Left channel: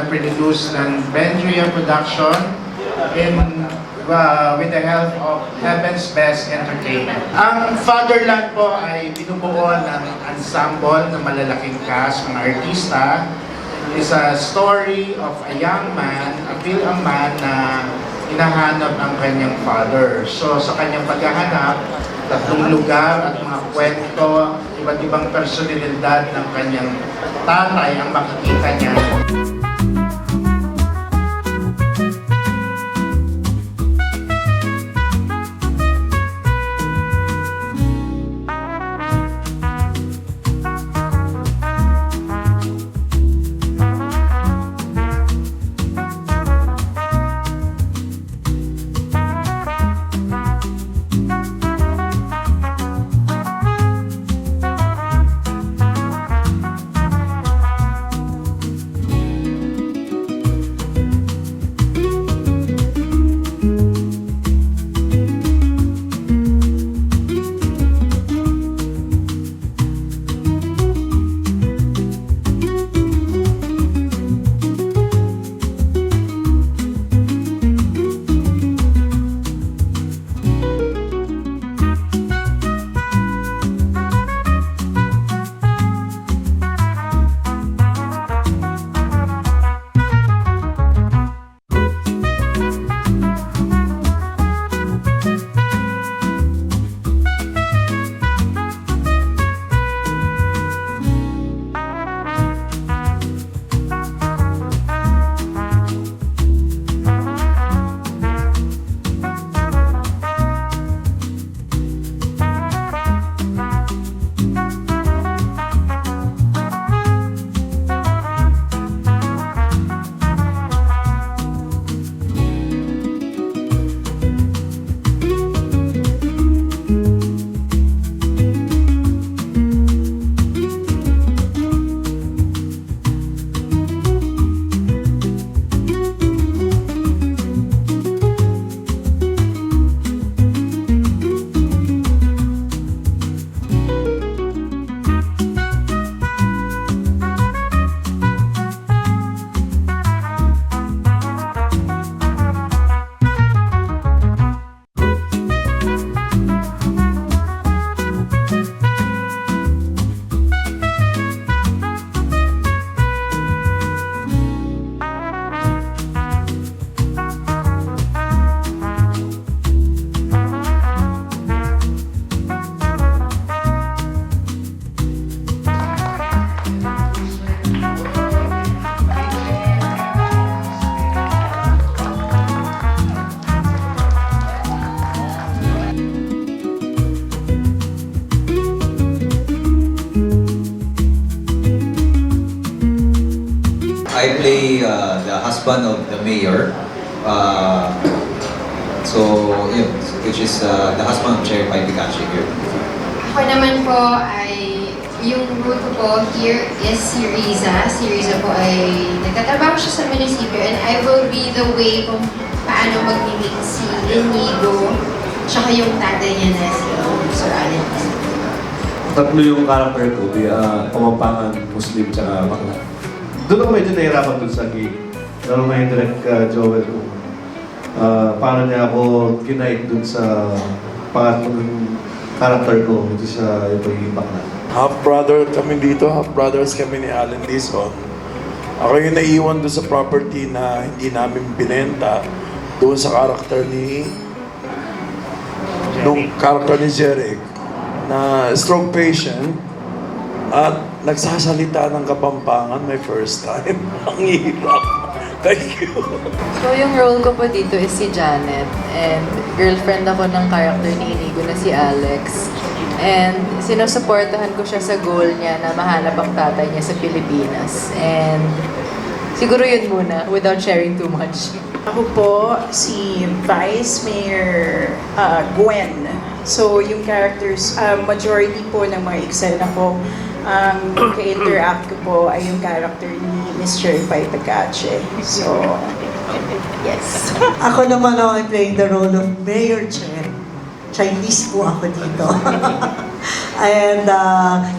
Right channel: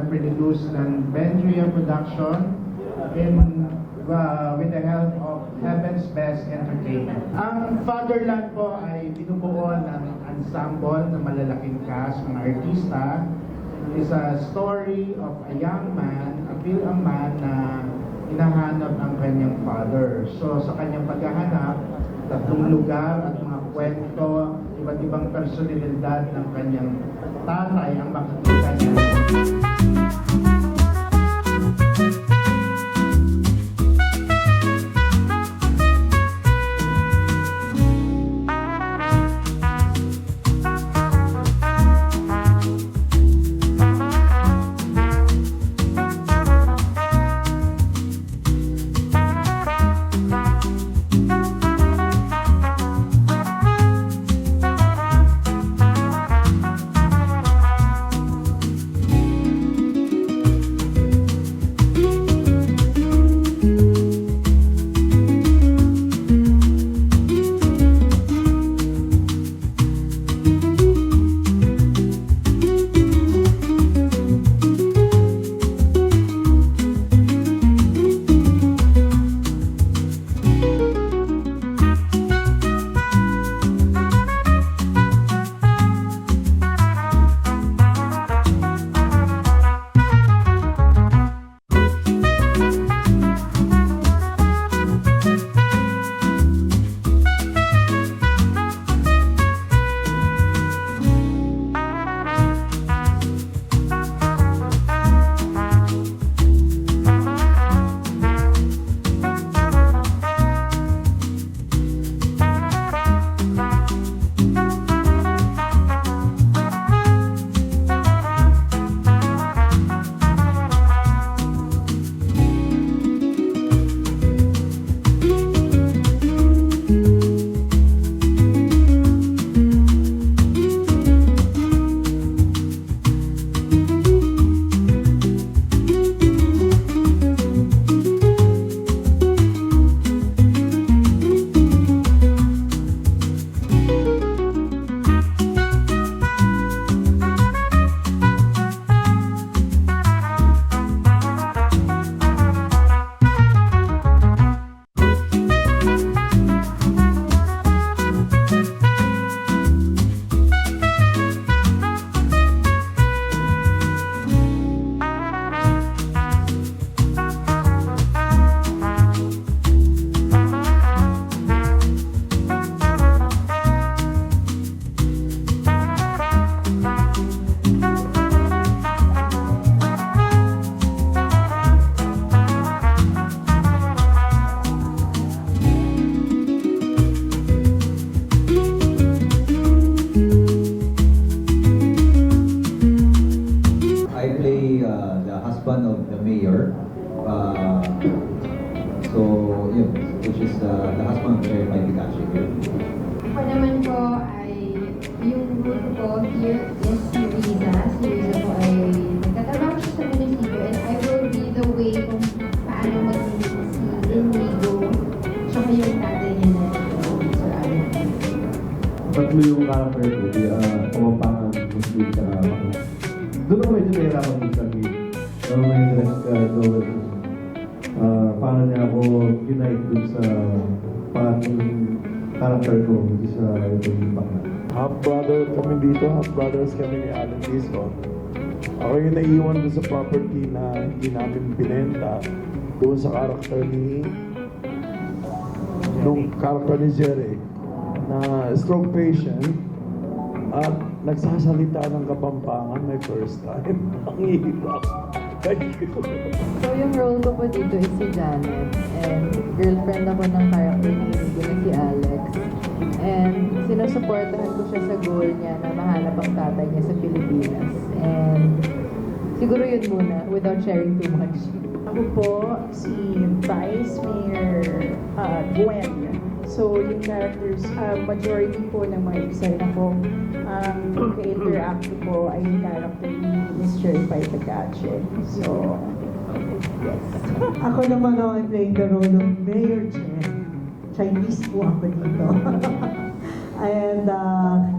na produce ng Bendria Production with the help of Heaven's Best Entertainment. Ang Fatherland po ay binubuo ng ensemble ng malalaking cast, mga artista. Is a story of a young man, a man na hinahanap ang kanyang father. So sa kanyang paghahanap, tatlong lugar at mga kwento, iba't ibang personalidad ng kanyang tatay ang makikita niya. I play the husband of the mayor. Yun, which is the husband of Chair Pai Picache here. Ako naman po ay, yung role ko po here is si Riza. Si Riza po ay nagtatrabaho siya sa munisipyo and I will be the way kung paano mag-meet si Inigo tsaka yung tatay niya na si Sir Allen. Tatlo yung character ko, Pamampangan, Muslim, tsaka Bakla. Doon ako medyo nahirapan dun sa gig. Pero may direct Joel kung paano niya ako kinight dun sa pangatlong character ko, which is yung Bakla. Half-brother kami dito, half-brothers kami ni Allen Dizon. Ako yung naiwan doon sa property na hindi namin binenta doon sa character ni Jeric na stroke patient at nagsasalita ng Kapampangan my first time. Ang hirap. Thank you. So yung role ko po dito is si Janet and girlfriend ako ng character ni Inigo na si Alex. And sinusuportahan ko siya sa goal niya na mahanap ang tatay niya sa Pilipinas. And siguro yun muna without sharing too much. Ako po si Vice Mayor Gwen. So yung characters, majority po ng mga eksena ko, ka-interact ko po ay yung character ni Mr. Pai Picache. So, yes. Ako naman ako playing the role of Mayor Chen. Chinese po ako dito. And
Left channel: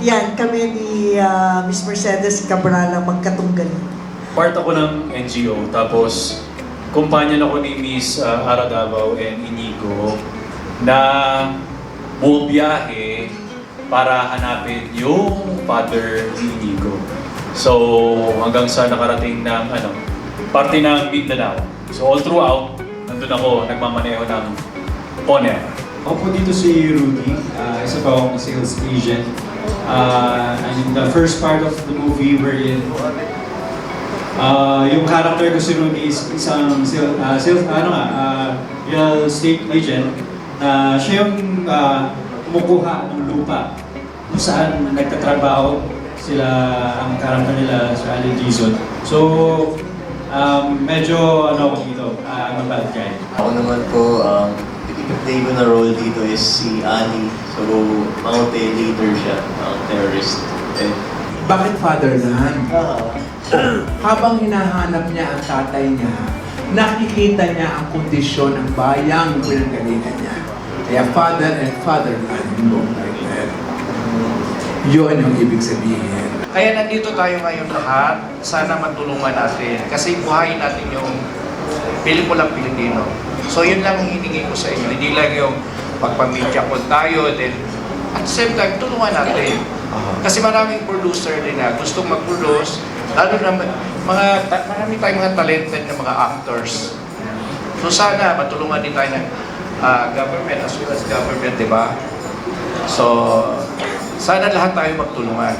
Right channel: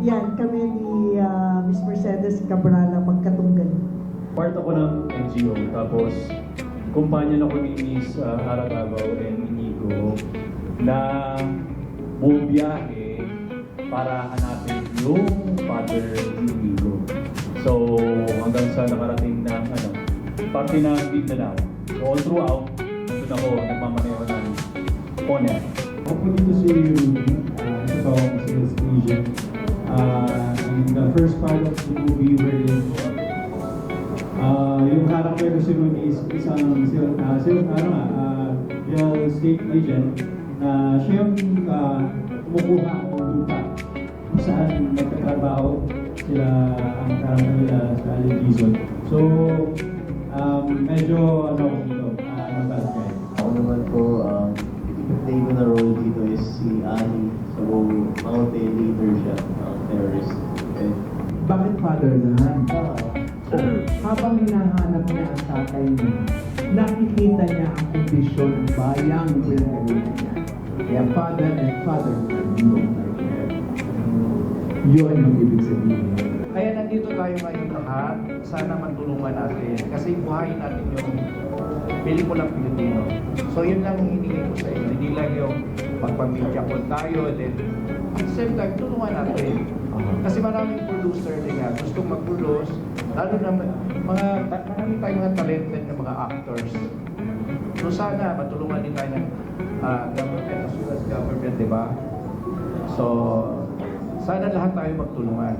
yan, kami ni Miss Mercedes Cabral ang magkatunggal. Part ako ng NGO, tapos kumpanyan ako ni Miss Ara Davao and Inigo na bumiyahe para hanapin yung father ni Inigo. So hanggang sa nakarating ng parte ng Mindanao. So all throughout, nandun ako, nagmamaneho ng Poner. Ako po dito si Rudy, isa pa akong sales agent. And in the first part of the movie wherein yung character ko si Rudy is isang real estate agent na siya yung kumukuha ng lupa kung saan nagtatrabaho sila, ang character nila sa Allen Dizon. So, medyo ako dito, I'm a bad guy. Ako naman po, play ko na role dito is si Ali. So, mountain leader siya, terrorist. Bakit fatherland? Habang hinahanap niya ang tatay niya, nakikita niya ang kondisyon ng bayang pinanggalingan niya. Kaya father and fatherland, both like that. Yun ang ibig sabihin. Kaya nandito tayo ngayon lahat, sana matulungan natin. Kasi buhayin natin yung pelikulang Pilipino. So yun lang ang hiningi ko sa inyo. Hindi lang yung magpamedya ko tayo, then at the same time, tulungan natin. Kasi maraming producer din na gustong mag-produce, lalo na marami tayong mga talented na mga actors. So sana matulungan din tayo ng government as well as government, di ba? So sana lahat tayo magtulungan.